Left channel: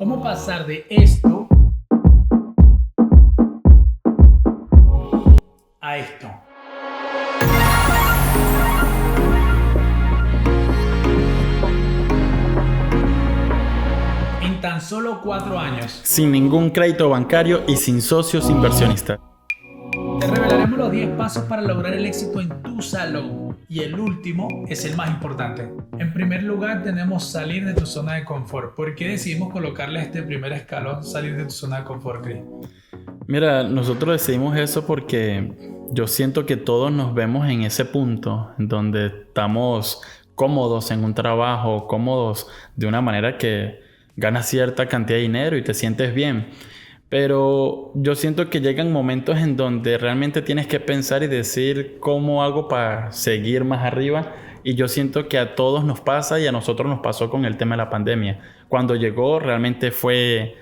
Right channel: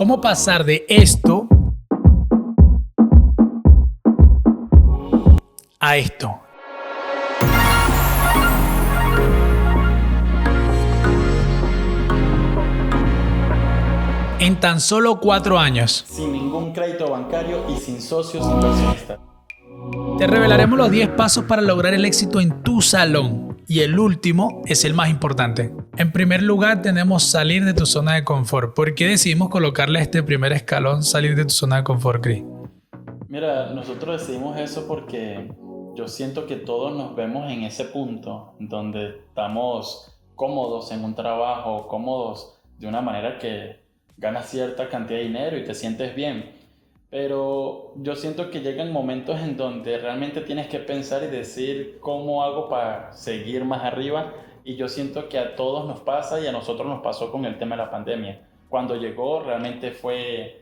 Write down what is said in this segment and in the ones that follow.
¿Cómo pasar de esto a esto? En tan solo 4 años. Sin ningún crédito bancario y sin socios inversionistas. Te revelaremos los 10 pasos para lograr el éxito en tu salón. Y el último es el más importante. En primer lugar, tenemos salir de tu zona de confort. ¿Por qué decidimos colocarle este primer escalón, salir de tu zona de confort, Chris? Mira, nosotros decidimos eso porque yo siento que todos nos vemos en ese punto en donde estamos cómodos en un trabajo, cómodos de una manera que ganas cierta cantidad de dinero y te sientes bien. Pero yo siento que llegan momentos en donde realmente tienes que pensar y decir cómo hago para seguir más arriba. Y yo siento que a todos nos pasa y a nosotros nos pasó con el tema de la pandemia. Cuando llegó realmente fue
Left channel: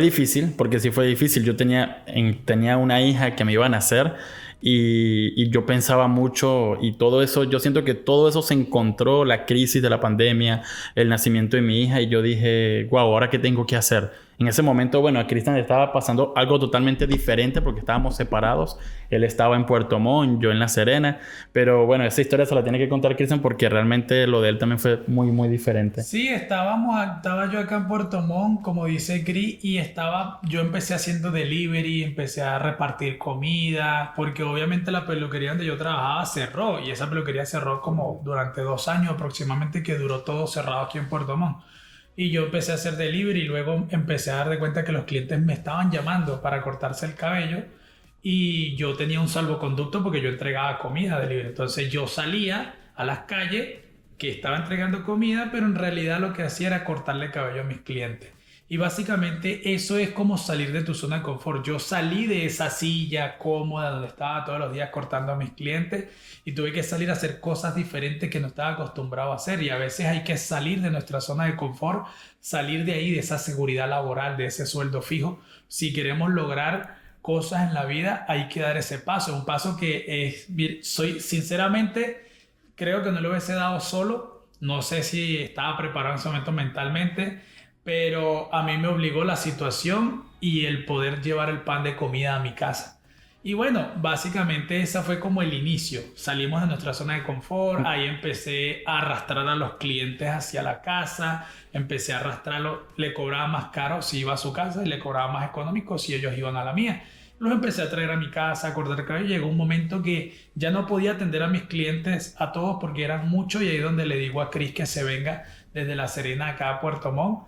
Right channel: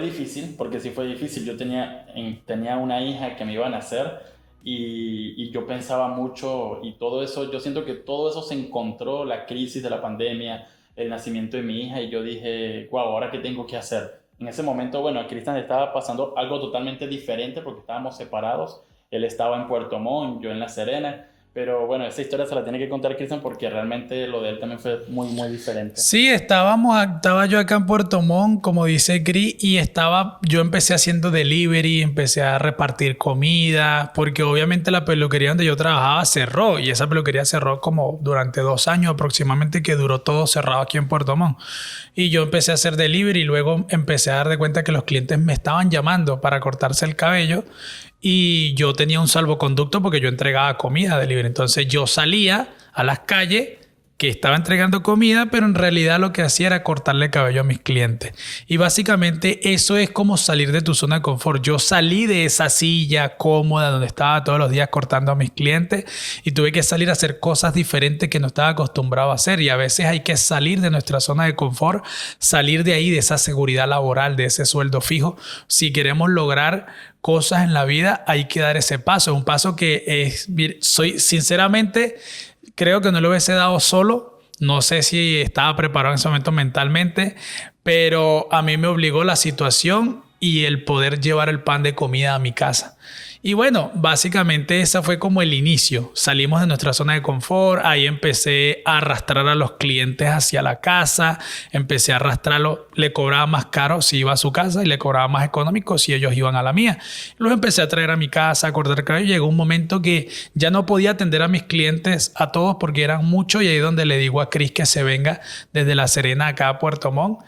difícil, porque sí fue difícil. Yo tenía una hija que me iba a nacer y yo pensaba mucho y todo eso, yo siento que todo eso se encontró, la crisis de la pandemia, el nacimiento de mi hija y yo dije, wow, ¿ahora qué tengo que hacer? En ese momento, bueno, a Cristian le estaba pasando algo totalmente diferente porque estábamos separados. Él estaba en Puerto Montt, yo en La Serena. Pero bueno, esa historia se la tiene que contar Cristian porque realmente lo de él también fue muy, muy diferente. Sí, estaba yo acá en Puerto Montt, como dice Chris, y yo empecé haciendo delivery, empecé a repartir comida, porque obviamente la peluquería donde yo trabajaba cerró, y esa peluquería cerró como durante 2 años aproximadamente, que duró todo cerrado aquí en Puerto Montt. Y yo empecé a hacer delivery y luego empecé a dar de cuenta que los clientes me estaban llamando para cortarse el cabello y yo tenía un salvoconducto porque yo entregaba comida delivery. Entonces yo salía a las calles que estaba entregando comida, pero en realidad lo que hacía era cortarle el cabello a mis clientes. Y básicamente eso es como salir de tu zona de confort. Yo salí de esa silla cómoda donde estaba todos los días cortando a mis clientes y tuve que salir a hacer cosas diferentes que no estaba acostumbrado a hacer. Y a veces hay que salir de nuestra zona de confort, salir de ahí, de esa seguridad laboral, de ese sueldo fijo. Si queremos lograr cosas en la vida, hay que dar ese paso. Un paso que sinceramente, creo que no lo hubiese dado solo. No sé si estaba preparado en ese momento mentalmente, pero a mí me obligó la situación y el poder llevar el pan de comida a mi casa. Y bueno, básicamente ese fue como el inicio. Salimos de nuestra zona de confort, ahí empecé a arrastrar a los clientes hacia la casa, empecé a arrastrarlos, le cobraba más caro si iba a su casa y le cobraba más económico si ellos iban a la mía. Los empecé a traer a mi casa, a cortar el cabello. Llegó un momento que ya no podía atender a mis clientes a todos porque eran muchos y ahí es donde le digo a Chris que se venga desde La Serena acá a Puerto Montt.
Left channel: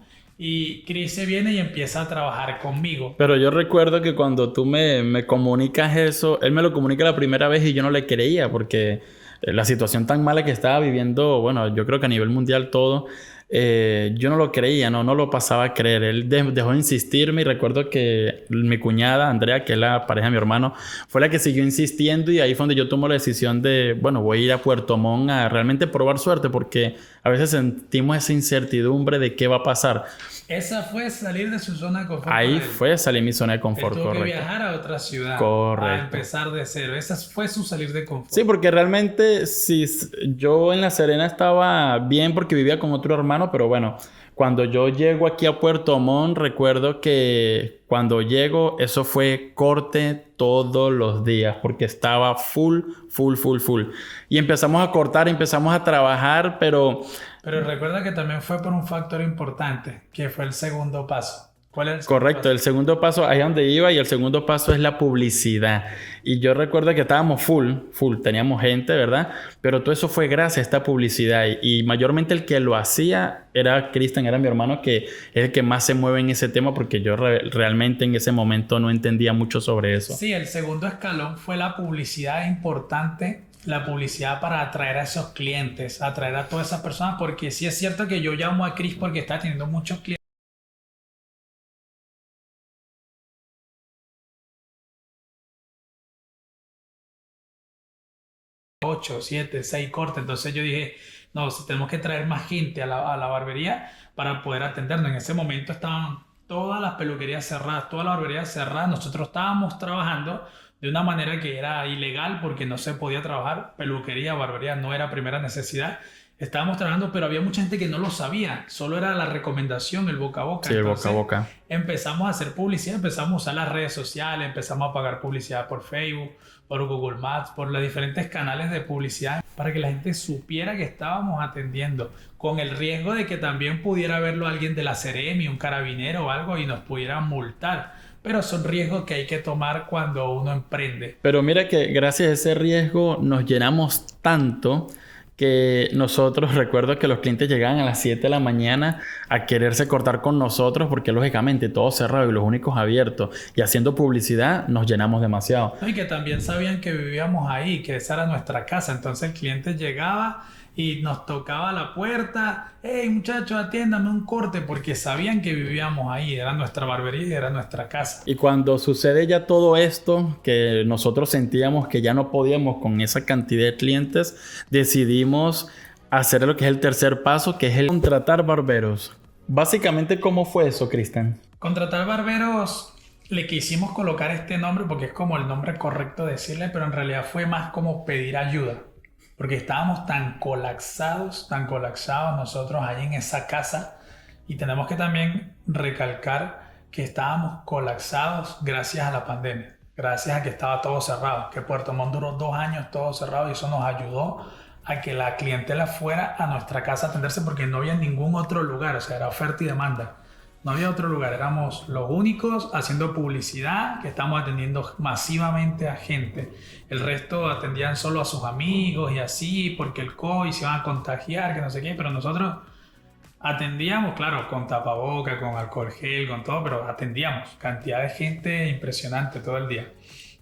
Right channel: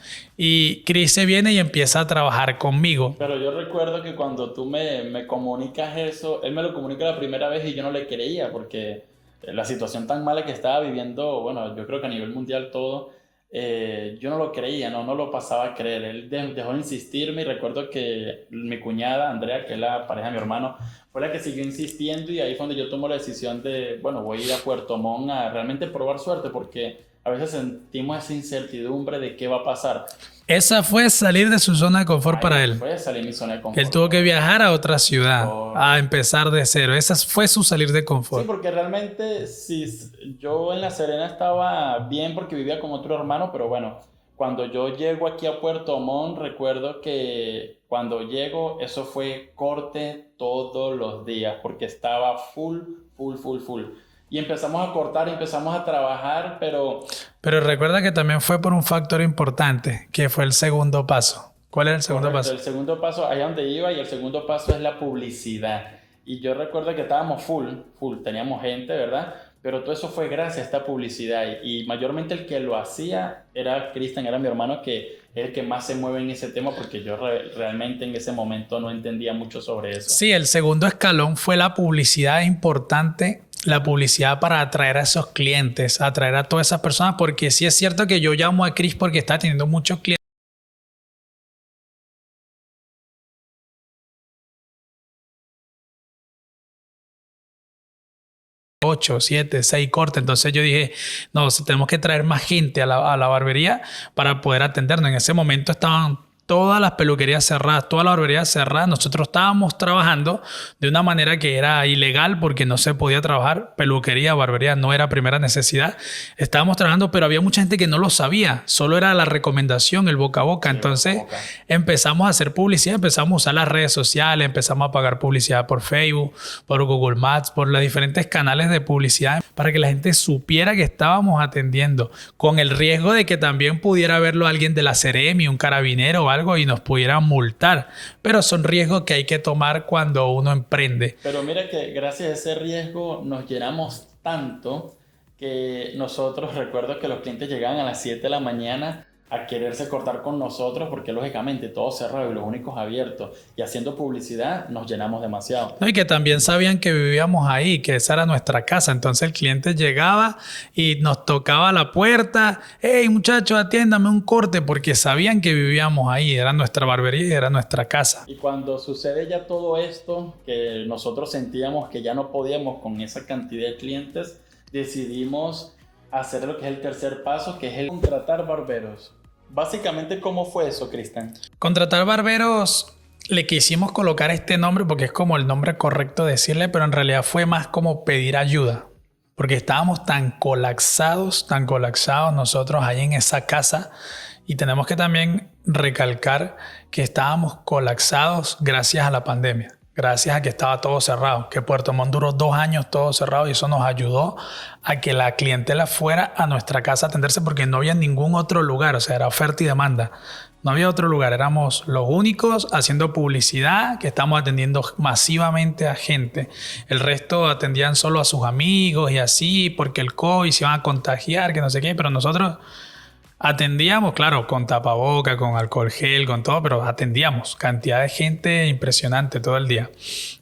Y Chris se viene y empieza a trabajar conmigo. Pero yo recuerdo que cuando tú me comunicas eso, él me lo comunica la primera vez y yo no le creía porque la situación tan mala que estaba viviendo, bueno, yo creo que a nivel mundial todo, yo no lo creía, no lo pasaba a creer. Él dejó de insistirme y recuerdo que mi cuñada, Andrea, que es la pareja de mi hermano, fue la que siguió insistiendo y ahí fue donde yo tomo la decisión de, bueno, voy a ir a Puerto Montt a realmente probar suerte porque a veces sentimos esa incertidumbre de qué va a pasar. Esa fue salir de su zona de confort Ahí para él. fue salir mi zona de confort. Él tuvo que viajar a otra ciudad, Correcto. a empezar de cero. Esa fue su salir de confort. Sí, porque realmente si yo en La Serena estaba bien porque vivía con otro hermano, pero bueno, cuando yo llego aquí a Puerto Montt, recuerdo que cuando llego, eso fue corte todos los días porque estaba full. Y empezamos a cortar, empezamos a trabajar, pero... Pero recuerda que también fue por un factor importante, que fue el segundo paso. ¿Cuál es el segundo paso? Correcto, el segundo paso, ahí donde iba, y el segundo paso es la publicidad. Y yo recuerdo que estábamos full, teníamos gente, ¿verdad? Pero todo eso fue gracias a esta publicidad. Y mayormente el que lo hacía era Cristian, era mi hermano, que es el que más se mueve en ese tema, porque yo realmente en ese momento no entendía mucho sobre eso. Sí, el segundo escalón fue la publicidad importante. La publicidad para atraer a esos clientes, atraer a todas esas personas, porque sí es cierto que yo llamo a Chris porque está teniendo muchos clientes. 8, 7, 6 cortes. Entonces yo dije, no, tenemos que traer más gente a la barbería para poder atendernos. En ese momento estaban todas las peluquerías cerradas, todas las barberías cerradas. Nosotros estábamos trabajando de una manera que era ilegal porque no se podía trabajar. Peluquería, barbería no era primera necesidad. Estábamos trabajando, pero había mucha gente que no lo sabía. Solo era la recomendación, el boca a boca. Sí, Entonces boca a boca. empezamos a hacer publicidad, empezamos a usar las redes sociales, empezamos a pagar publicidad por Facebook, por Google Maps, por los diferentes canales de publicidad para que la gente supiera que estábamos atendiendo, con el riesgo de que también pudiera verlo alguien de la Seremi, un carabinero o algo y nos pudieran multar. Pero son riesgos que hay que tomar cuando uno emprende. Pero mira que gracias a ese riesgo nos llenamos tanto que nosotros, recuerdo que los clientes llegaban a las 7 de la mañana a quererse cortar con nosotros porque lógicamente todo cerrado y los únicos abiertos y haciendo publicidad nos llenamos demasiado. No, y que también sabían que vivíamos ahí, que esa era nuestra casa. Entonces el cliente llegaba y nos tocaba la puerta. Hey, muchachos, atiéndame un corte, porque sabían que vivíamos ahí. Era nuestra barbería y era nuestra casa. Y cuando sucede ya todo esto, que nosotros sentíamos que ya no podíamos con esa cantidad de clientes, decidimos hacer lo que es el tercer paso, que es el contratar barberos. Básicamente, ¿cómo fue eso, Cristian? Contratar barberos, le quisimos colocar este nombre porque es como el nombre correcto decirle, pero en realidad fue más como pedir ayuda. Porque estábamos tan colapsados nosotros ahí en esa casa. Y tenemos que también recalcar que estábamos colapsados gracias a la pandemia. Gracias a que estaba todo cerrado, que Puerto Montt duró 2 años todo cerrado y eso nos ayudó a que la clientela fuera a nuestra casa a atenderse porque no había ningún otro lugar, o sea, era oferta y demanda. No había otro lugar, éramos los únicos haciendo publicidad, que estamos atendiendo masivamente a gente. El resto atendían solo a sus amigos y así, porque el COVID se iban a contagiar, que no sé qué, pero nosotros atendíamos, claro, con tapaboca, con alcohol gel, con todo, pero atendíamos cantidad de gente impresionante todo el día.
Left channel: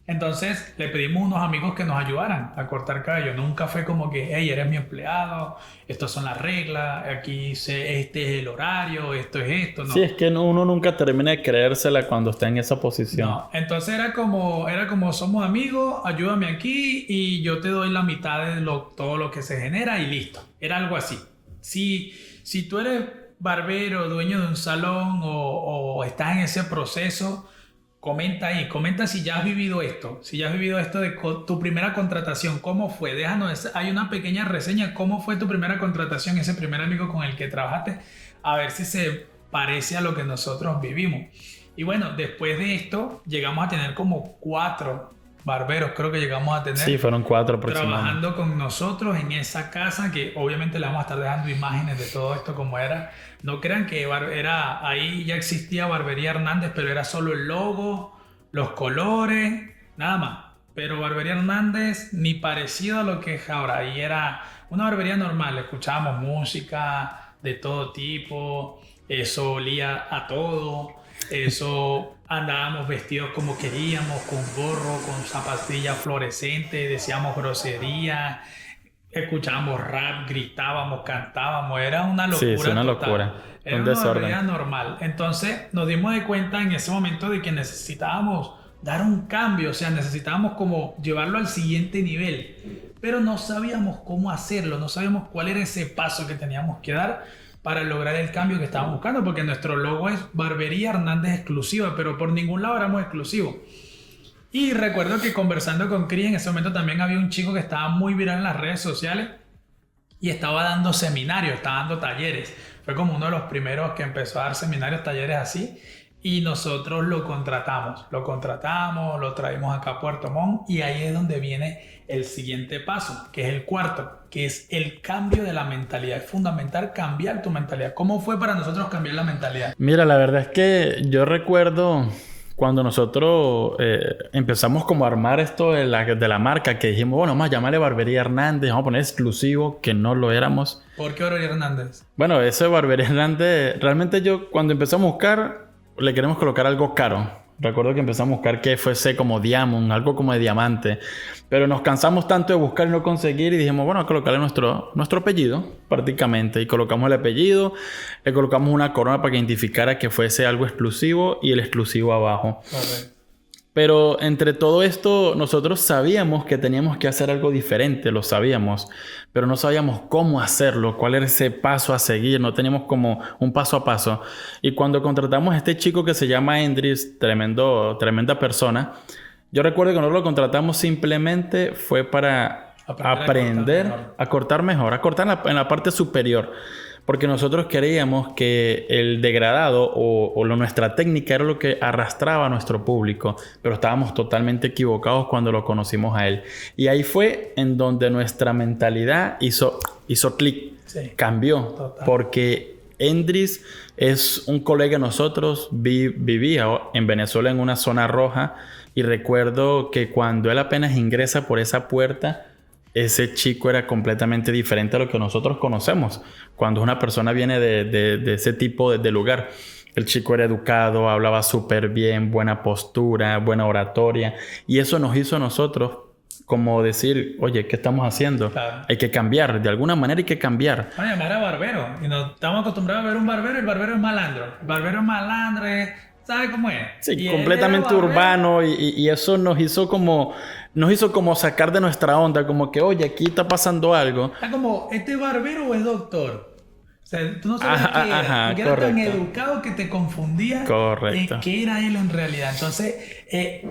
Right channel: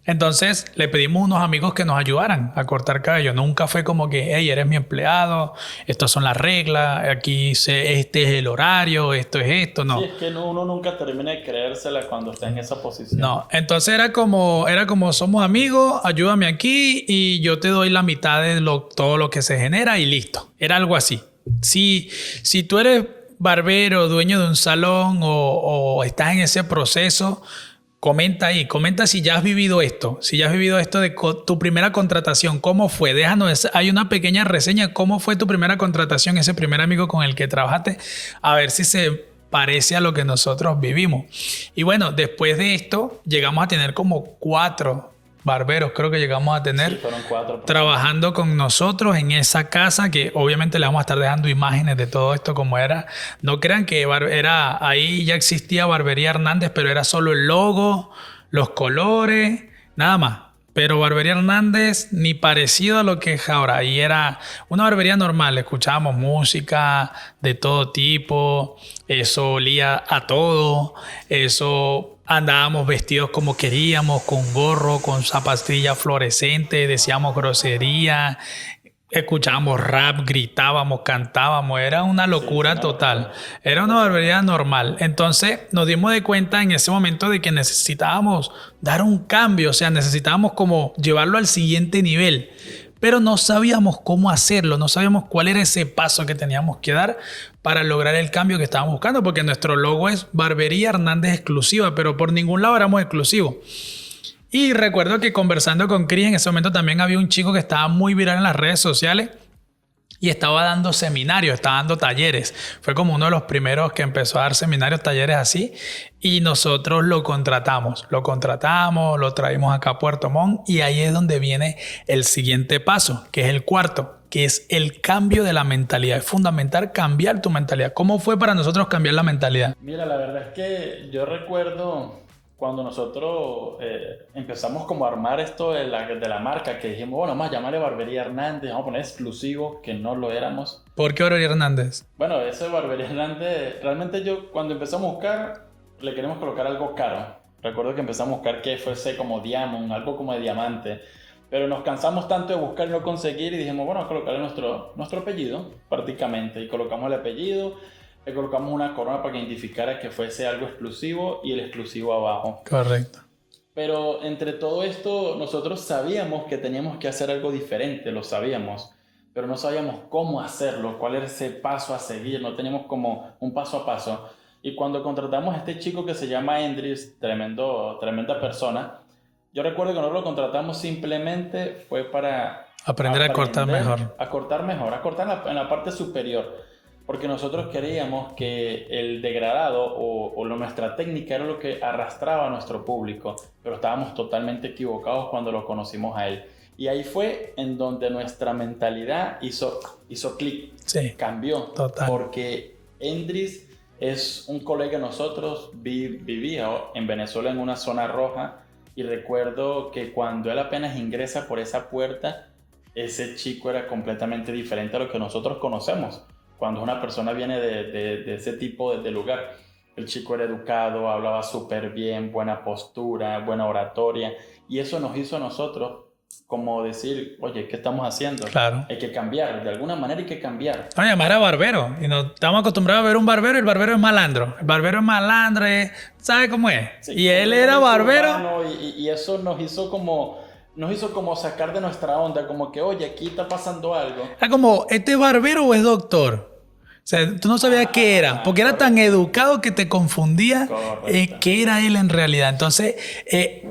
Entonces le pedimos a unos amigos que nos ayudaran a cortar cabello. Nunca fue como que, hey, eres mi empleado, estas son las reglas, aquí este es el horario, esto es esto, no. Sí, es que uno nunca termina de creérsela cuando está en esa posición. No, entonces era como somos amigos, ayúdame aquí y yo te doy la mitad de todo lo que se genera y listo. Era algo así. Si tú eres barbero, dueño de un salón o estás en ese proceso, comenta ahí, comenta si ya has vivido esto, de tu primera contratación, ¿cómo fue? Déjanos, hay una pequeña reseña, ¿cómo fue tu primera contratación, ese primer amigo con el que trabajaste? A ver si se parece a lo que nosotros vivimos. Y bueno, después de esto llegamos a tener como 4 barberos, creo que llegamos a tener. Sí, fueron 4 trabajando con nosotros en esa casa, que obviamente le vamos a estar dejando imágenes de todo esto como era. No crean que era ahí ya existía Barbería Hernández, pero era solo el logo, los colores, nada más. Pero Barbería Hernández ni parecido a lo que es ahora. Ahí era una barbería normal, escuchábamos música de todo tipo, eso olía a todo, eso andábamos vestidos como queríamos, con gorro, con zapatillas fluorescentes, decíamos grosería, escuchábamos rap, gritábamos, cantábamos, era una locura total. Locura. Era una barbería normal. Entonces nos dimos de cuenta en ese momento de que necesitábamos dar un cambio, o sea, necesitábamos como llevarlo al siguiente nivel. Pero no sabíamos cómo hacerlo, no sabíamos cuál era ese paso que teníamos que dar para lograr el cambio que estábamos buscando, porque nuestro logo es Barbería Hernández Exclusiva, pero por ningún lado éramos exclusivos. Y recuerdo que conversando con Cris en ese momento también había un chico que estaba muy viral en las redes sociales y estaba dando seminarios, estaba dando talleres. Fue como uno de los primeros que empezó a dar seminarios, talleres así. Y nosotros lo contratamos, lo traímos acá a Puerto Montt y ahí es donde viene el siguiente paso, que es el cuarto, que es el cambio de la mentalidad. Es fundamental cambiar tu mentalidad. ¿Cómo fue para nosotros cambiar la mentalidad? Mira, la verdad es que yo recuerdo cuando nosotros empezamos como a armar esto de la marca, que dijimos, bueno, vamos a llamarle Barbería Hernández, vamos a poner exclusivo, que no lo éramos. ¿Por qué Barbería Hernández? Bueno, eso de Barbería Hernández, realmente yo cuando empezamos a buscar, le queremos colocar algo caro. Recuerdo que empezamos a buscar que fuese como diamond, algo como de diamante. Pero nos cansamos tanto de buscar y no conseguir y dijimos, bueno, colocarle nuestro apellido prácticamente. Y colocamos el apellido, le colocamos una corona para que identificara que fuese algo exclusivo y el exclusivo abajo. Correcto. Pero entre todo esto, nosotros sabíamos que teníamos que hacer algo diferente, lo sabíamos, pero no sabíamos cómo hacerlo, cuál era ese paso a seguir, no teníamos como un paso a paso. Y cuando contratamos a este chico que se llama Endris, tremenda persona, yo recuerdo que nosotros lo contratamos simplemente fue para aprender a cortar mejor, a cortar en la parte superior. Porque nosotros creíamos que el degradado nuestra técnica era lo que arrastraba a nuestro público, pero estábamos totalmente equivocados cuando lo conocimos a él. Y ahí fue en donde nuestra mentalidad hizo clic, Sí, cambió. total. Porque Endris es un colega de nosotros, vivía en Venezuela en una zona roja, y recuerdo que cuando él apenas ingresa por esa puerta, ese chico era completamente diferente a lo que nosotros conocemos. Cuando una persona viene de ese tipo de lugar, el chico era educado, hablaba súper bien, buena postura, buena oratoria. Y eso nos hizo a nosotros como decir, oye, ¿qué estamos haciendo? Claro. Hay que cambiar, de alguna manera hay que cambiar. Oye, además era barbero. Y nos estamos acostumbrados a ver un barbero y el barbero es malandro. El barbero es malandro, ¿sabe cómo es? Sí, y él completamente era barbero. urbano y eso nos hizo como sacar de nuestra onda, como que, oye, aquí está pasando algo. Era como, ¿este es barbero o es doctor? O sea, tú no sabías qué era, porque era tan educado que te confundía qué era él en realidad. Entonces,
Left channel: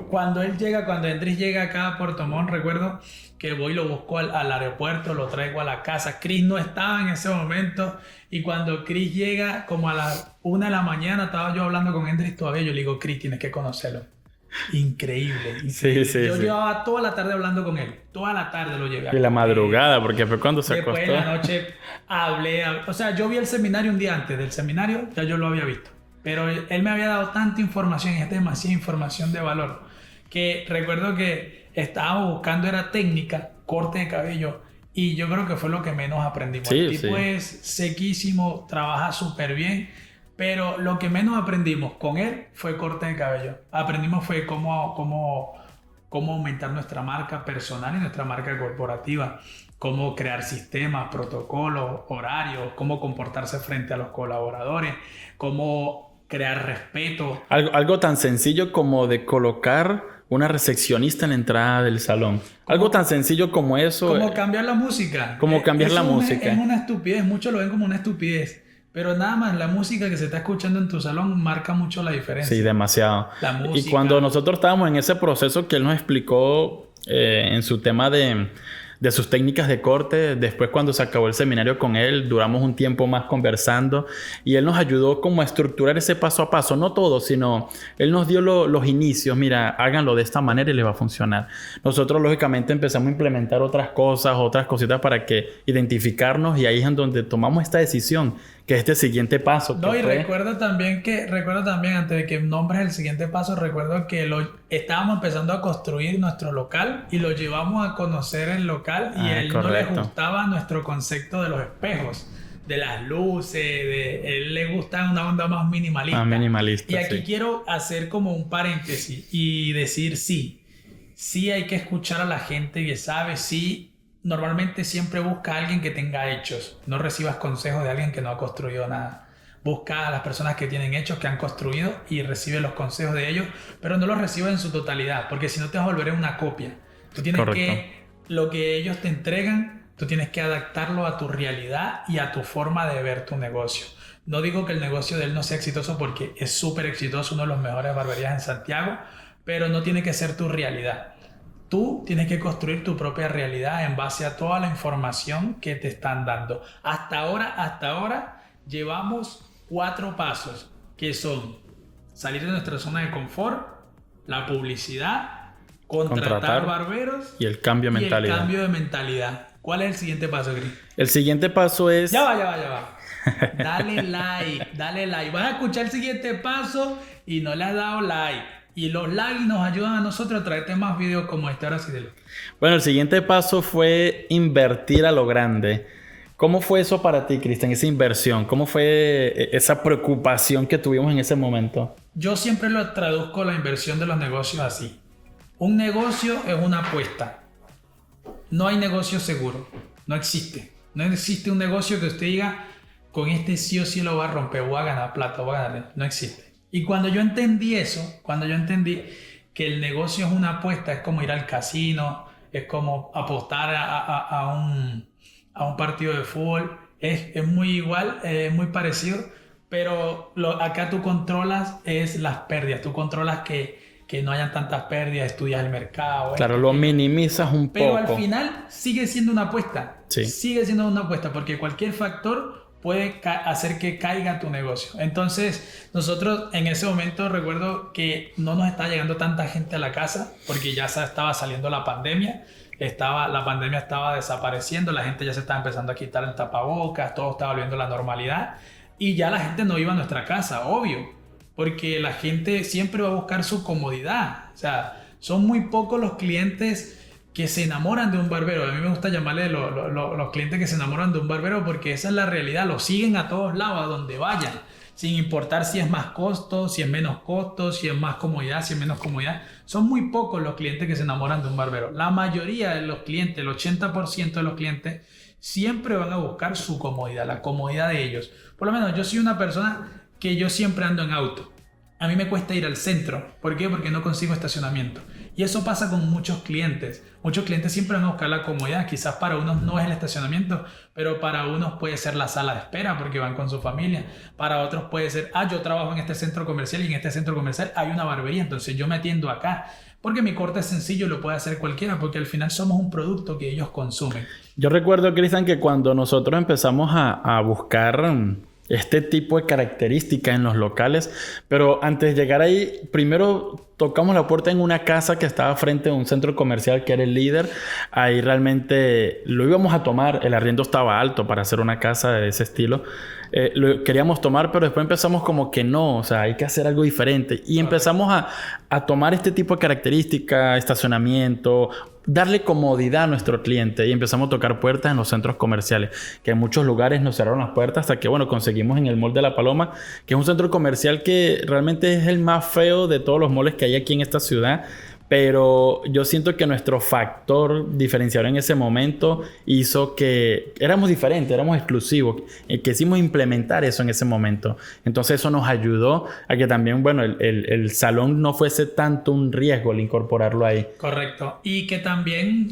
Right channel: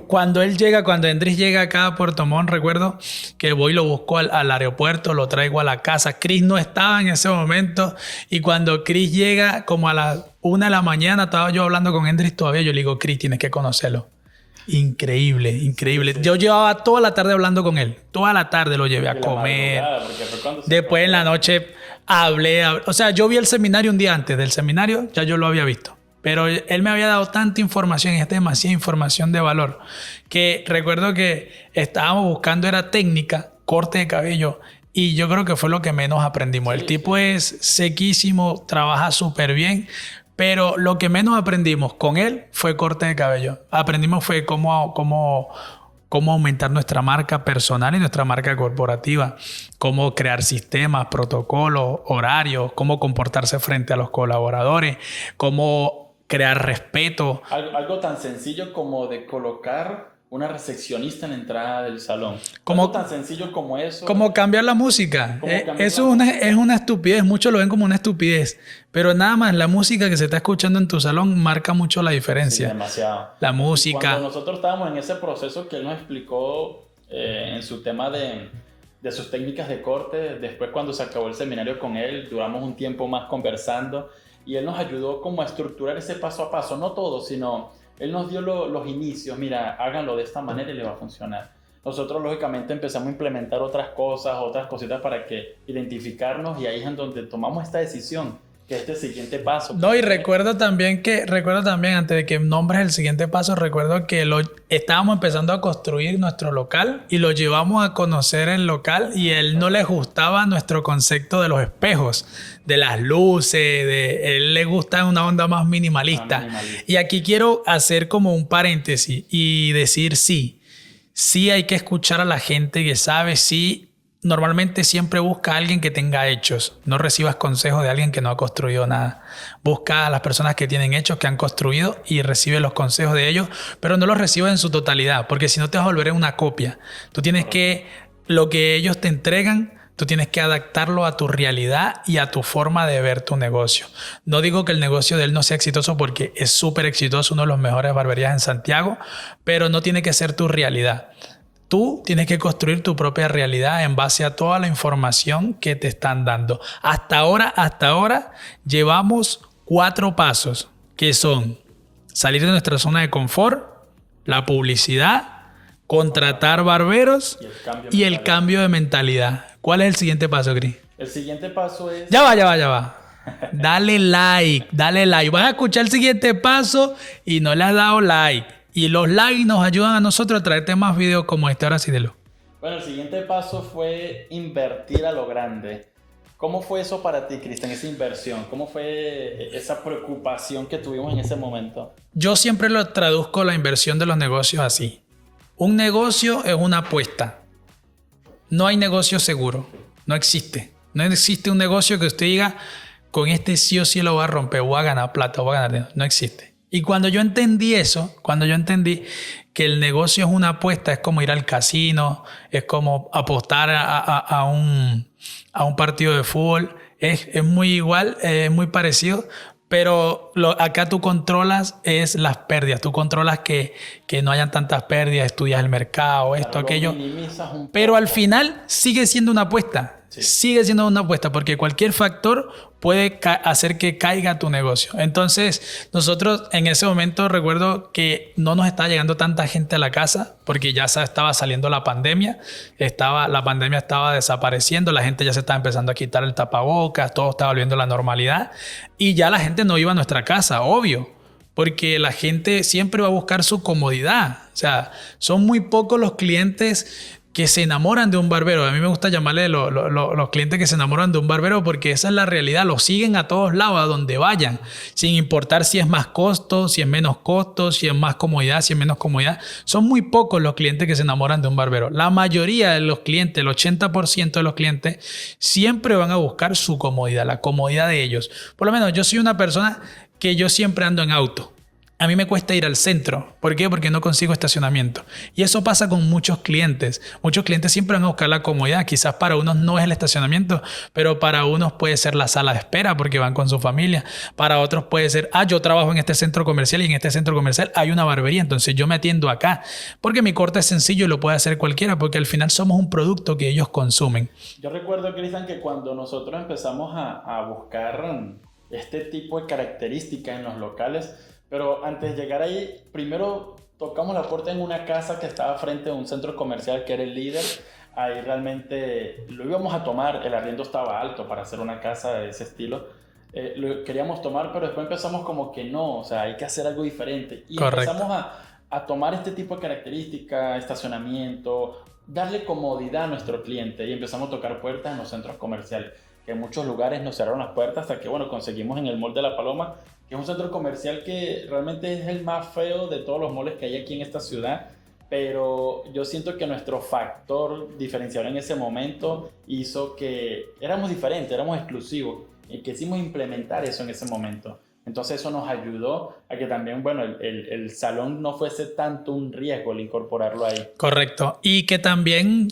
cuando Endris llega acá a Puerto Montt, recuerdo que voy y lo busco al aeropuerto, lo traigo a la casa. Chris no estaba en ese momento, y cuando Chris llega, como a las 1 de la mañana, estaba yo hablando con Endris todavía, yo le digo, Chris, tienes que conocerlo. Increíble. Yo llevaba toda la tarde hablando con él. Toda la tarde lo llevé a comer. Y la madrugada, porque fue cuando se Después acostó. en la noche hablé. O sea, yo vi el seminario un día antes del seminario, ya yo lo había visto. Pero él me había dado tanta información, y demasiada información de valor, que recuerdo que estábamos buscando era técnica, corte de cabello, y yo creo que fue lo que menos aprendimos. El tipo es sequísimo, trabaja súper bien. Pero lo que menos aprendimos con él fue corte de cabello. Aprendimos fue cómo aumentar nuestra marca personal y nuestra marca corporativa. Cómo crear sistemas, protocolos, horarios. Cómo comportarse frente a los colaboradores. Cómo crear respeto. Algo tan sencillo como de colocar una recepcionista en la entrada del salón. Algo tan sencillo como eso. Como cambiar la música. Es una estupidez. Muchos lo ven como una estupidez. Pero nada más, la música que se está escuchando en tu salón marca mucho la diferencia. Sí, demasiado. La música. Y cuando nosotros estábamos en ese proceso que él nos explicó en su tema de sus técnicas de corte, después cuando se acabó el seminario con él, duramos un tiempo más conversando y él nos ayudó como a estructurar ese paso a paso, no todo, sino él nos dio los inicios, mira, háganlo de esta manera y les va a funcionar. Nosotros lógicamente empezamos a implementar otras cositas para que identificarnos, y ahí es en donde tomamos esta decisión, que es este siguiente paso. No, y recuerdo también, antes de que nombres el siguiente paso, recuerdo que estábamos empezando a construir nuestro local y lo llevamos a conocer el local, y él no le gustaba nuestro concepto de los espejos, de las luces, él le gusta una onda más minimalista. Y aquí quiero hacer como un paréntesis y decir sí hay que escuchar a la gente que sabe, sí. Normalmente siempre busca a alguien que tenga hechos. No recibas consejos de alguien que no ha construido nada. Busca a las personas que tienen hechos, que han construido, y recibe los consejos de ellos, pero no los recibas en su totalidad, porque si no te vas a volver una copia. Tú tienes lo que ellos te entregan, tú tienes que adaptarlo a tu realidad y a tu forma de ver tu negocio. No digo que el negocio de él no sea exitoso, porque es súper exitoso, uno de los mejores barberías en Santiago, pero no tiene que ser tu realidad. Tú tienes que construir tu propia realidad en base a toda la información que te están dando. Hasta ahora llevamos 4 pasos, que son salir de nuestra zona de confort, la publicidad, contratar barberos y el cambio de mentalidad. ¿Cuál es el siguiente paso, Cris? El siguiente paso es... Ya va. Dale like. Vas a escuchar el siguiente paso y no le has dado like. Y los likes nos ayudan a nosotros a traerte más videos como este. Ahora sí, dilo. Bueno, el siguiente paso fue invertir a lo grande. ¿Cómo fue eso para ti, Cristian, esa inversión? ¿Cómo fue esa preocupación que tuvimos en ese momento? Yo siempre lo traduzco la inversión de los negocios así. Un negocio es una apuesta. No hay negocio seguro. No existe. No existe un negocio que usted diga, con este sí o sí lo voy a romper, voy a ganar plata, voy a ganar dinero. No existe. Y cuando yo entendí eso, cuando yo entendí que el negocio es una apuesta, es como ir al casino, es como apostar a un partido de fútbol, es muy igual, es muy parecido, pero acá tú controlas es las pérdidas, tú controlas que no hayan tantas pérdidas, estudias el mercado, Claro, esto, lo aquello. minimizas un poco. Pero al final sigue siendo una apuesta. Sí. Sigue siendo una apuesta porque cualquier factor puede hacer que caiga tu negocio. Entonces, nosotros en ese momento recuerdo que no nos estaba llegando tanta gente a la casa porque ya estaba saliendo la pandemia. La pandemia estaba desapareciendo, la gente ya se estaba empezando a quitar el tapabocas, todo estaba volviendo a la normalidad y ya la gente no iba a nuestra casa, obvio. Porque la gente siempre va a buscar su comodidad. O sea, son muy pocos los clientes que se enamoran de un barbero. A mí me gusta llamarle los clientes que se enamoran de un barbero porque esa es la realidad. Los siguen a todos lados, a donde vayan. Sin importar si es más costo, si es menos costo, si es más comodidad, si es menos comodidad. Son muy pocos los clientes que se enamoran de un barbero. La mayoría de los clientes, el 80% de los clientes, siempre van a buscar su comodidad, la comodidad de ellos. Por lo menos yo soy una persona que yo siempre ando en auto. A mí me cuesta ir al centro. ¿Por qué? Porque no consigo estacionamiento. Y eso pasa con muchos clientes. Muchos clientes siempre van a buscar la comodidad. Quizás para unos no es el estacionamiento, pero para unos puede ser la sala de espera porque van con su familia. Para otros puede ser, yo trabajo en este centro comercial y en este centro comercial hay una barbería, entonces yo me atiendo acá. Porque mi corte es sencillo y lo puede hacer cualquiera porque al final somos un producto que ellos consumen. Yo recuerdo, Cristian, que cuando nosotros empezamos a buscar este tipo de características en los locales, pero antes de llegar ahí, primero tocamos la puerta en una casa que estaba frente a un centro comercial que era el líder. Ahí realmente lo íbamos a tomar, el arriendo estaba alto para hacer una casa de ese estilo. Lo queríamos tomar, pero después empezamos como que no, o sea, hay que hacer algo diferente. Y Correcto. empezamos a tomar este tipo de características, estacionamiento, darle comodidad a nuestro cliente y empezamos a tocar puertas en los centros comerciales, que en muchos lugares nos cerraron las puertas hasta que, bueno, conseguimos en el Mall de la Paloma, que es un centro comercial que realmente es el más feo de todos los malls que hay aquí en esta ciudad. Pero yo siento que nuestro factor diferenciador en ese momento hizo que éramos diferentes, éramos exclusivos. Quisimos implementar eso en ese momento. Entonces eso nos ayudó a que también, bueno, el salón no fuese tanto un riesgo al incorporarlo ahí. Correcto. Y que también,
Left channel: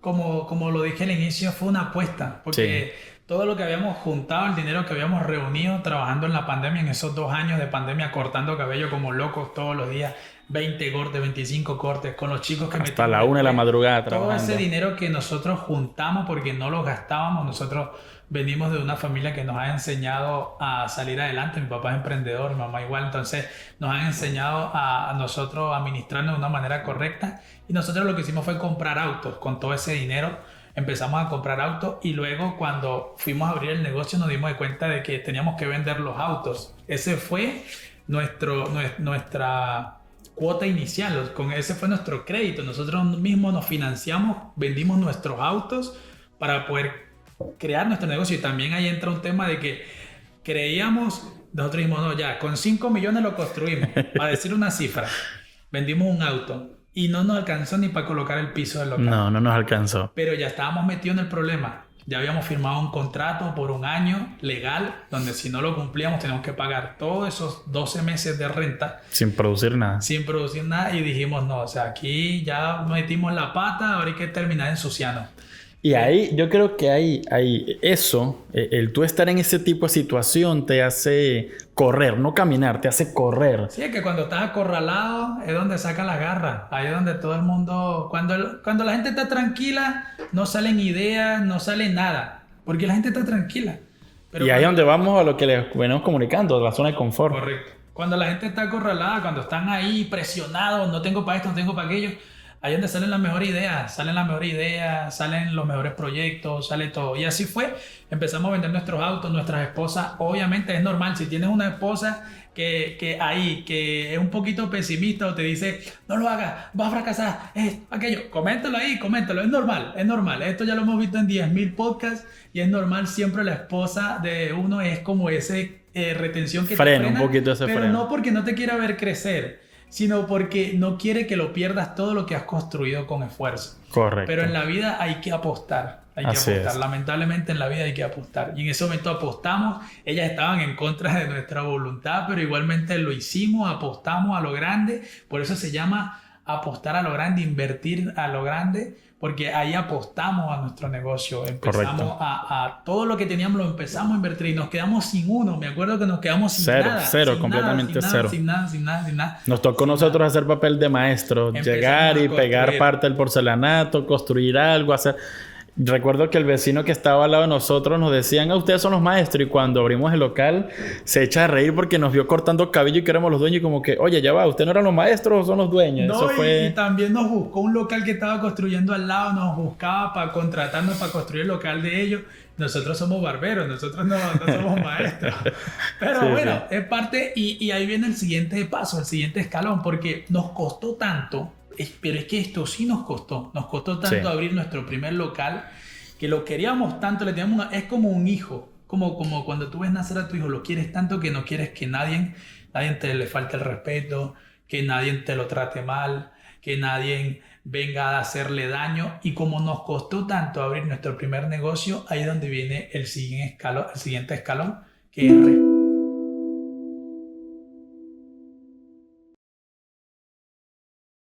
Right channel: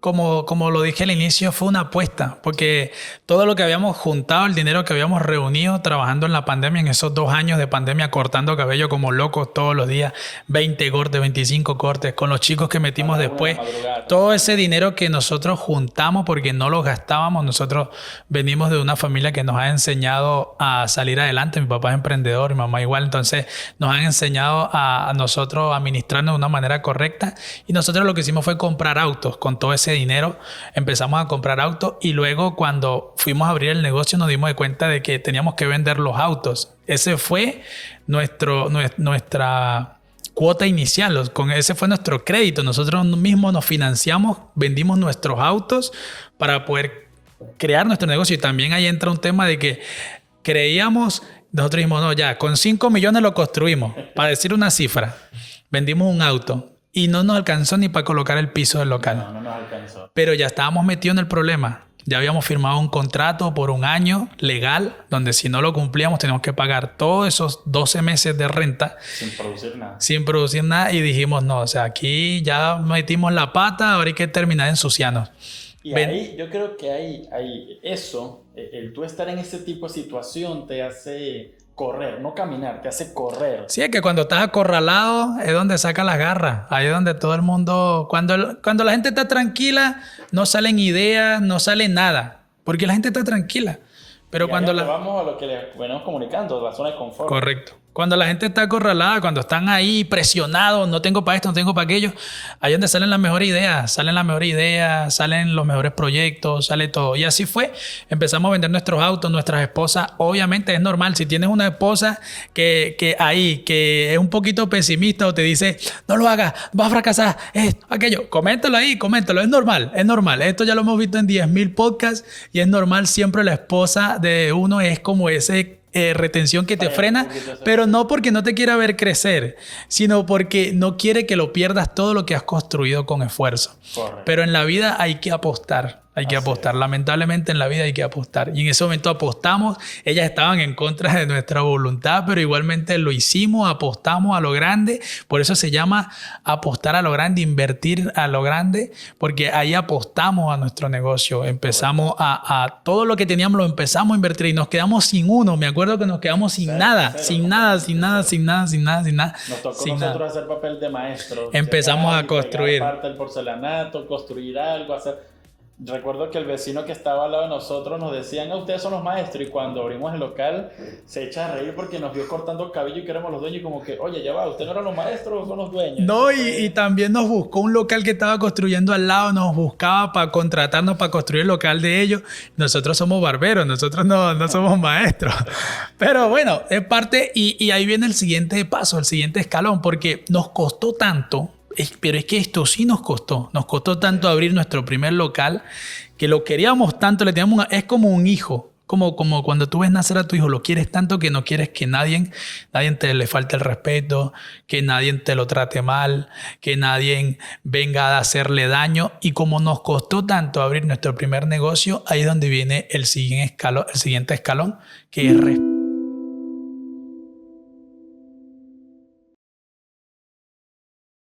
como lo dije al inicio, fue una apuesta. Porque todo lo que habíamos juntado, el dinero que habíamos reunido trabajando en la pandemia, en esos 2 años de pandemia, cortando cabello como locos todos los días, 20 cortes, 25 cortes, con los chicos que metimos la 1 de la después. madrugada Todo trabajando. ese dinero que nosotros juntamos porque no lo gastábamos. Nosotros venimos de una familia que nos ha enseñado a salir adelante. Mi papá es emprendedor, mi mamá igual. Entonces nos han enseñado a nosotros a administrarnos de una manera correcta. Y nosotros lo que hicimos fue comprar autos. Con todo ese dinero empezamos a comprar autos y luego cuando fuimos a abrir el negocio nos dimos de cuenta de que teníamos que vender los autos. Ese fue nuestra cuota inicial, ese fue nuestro crédito. Nosotros mismos nos financiamos, vendimos nuestros autos para poder crear nuestro negocio. Y también ahí entra un tema de que nosotros dijimos, no, ya, con 5 millones lo construimos, para decir una cifra. Vendimos un auto y no nos alcanzó ni para colocar el piso del local. No nos alcanzó. Pero ya estábamos metidos en el problema. Ya habíamos firmado un contrato por 1 año legal, donde si no lo cumplíamos teníamos que pagar todos esos 12 meses de renta. Sin producir nada. Sin producir nada. Y dijimos, no, o sea, aquí ya metimos la pata, ahora hay que terminar de ensuciarnos. Y ahí yo creo que hay eso, el tú estar en ese tipo de situación te hace correr, no caminar, te hace correr. Sí, es que cuando estás acorralado es donde saca las garras. Ahí es donde todo el mundo... Cuando la gente está tranquila, no salen ideas, no sale nada. Porque la gente está tranquila. Pero y ahí es donde vamos a lo que les venimos comunicando, la zona de confort. Correcto. Cuando la gente está acorralada, cuando están ahí presionados, no tengo para esto, no tengo para aquello, ahí es donde salen las mejores ideas, salen los mejores proyectos, sale todo. Y así fue. Empezamos a vender nuestros autos, nuestras esposas. Obviamente es normal. Si tienes una esposa que es un poquito pesimista o te dice, no lo hagas, vas a fracasar, aquello, coméntalo ahí, coméntalo. Es normal, es normal. Esto ya lo hemos visto en 10,000 podcasts y es normal. Siempre la esposa de uno es como ese... retención que te frena, pero no porque no te quiera ver crecer, sino porque no quiere que lo pierdas todo lo que has construido con esfuerzo. Correcto. Pero en la vida hay que apostar. Hay que Así apostar. es. Lamentablemente en la vida hay que apostar. Y en ese momento apostamos. Ellas estaban en contra de nuestra voluntad, pero igualmente lo hicimos, apostamos a lo grande. Por eso se llama apostar a lo grande, invertir a lo grande, porque ahí apostamos a nuestro negocio. Empezamos Correcto. a todo lo que teníamos lo empezamos a invertir y nos quedamos sin uno. Me acuerdo que nos quedamos sin Cero, nada, cero, sin nada, sin completamente nada, cero. sin nada, sin nada, sin nada. Nos tocó Sin nosotros nada. hacer papel de maestro, Empezamos llegar a y pegar construir. parte del porcelanato, construir algo, hacer... Recuerdo que el vecino que estaba al lado de nosotros nos decían, ustedes son los maestros, y cuando abrimos el local se echa a reír porque nos vio cortando cabello y que éramos los dueños y como que, oye, ya va, ¿ustedes no eran los maestros o son los dueños? No, Eso fue... y también nos buscó un local que estaba construyendo al lado, nos buscaba para contratarnos para construir el local de ellos. Nosotros somos barberos, nosotros no somos maestros. Pero Sí, bueno, sí. es parte y ahí viene el siguiente paso, el siguiente escalón, porque nos costó tanto, pero es que esto sí nos costó tanto Sí. abrir nuestro primer local, que lo queríamos tanto, le teníamos es como un hijo. Como cuando tú ves nacer a tu hijo, lo quieres tanto que no quieres que nadie te le falte el respeto, que nadie te lo trate mal, que nadie venga a hacerle daño. Y como nos costó tanto abrir nuestro primer negocio, ahí es donde viene el siguiente escalón, que es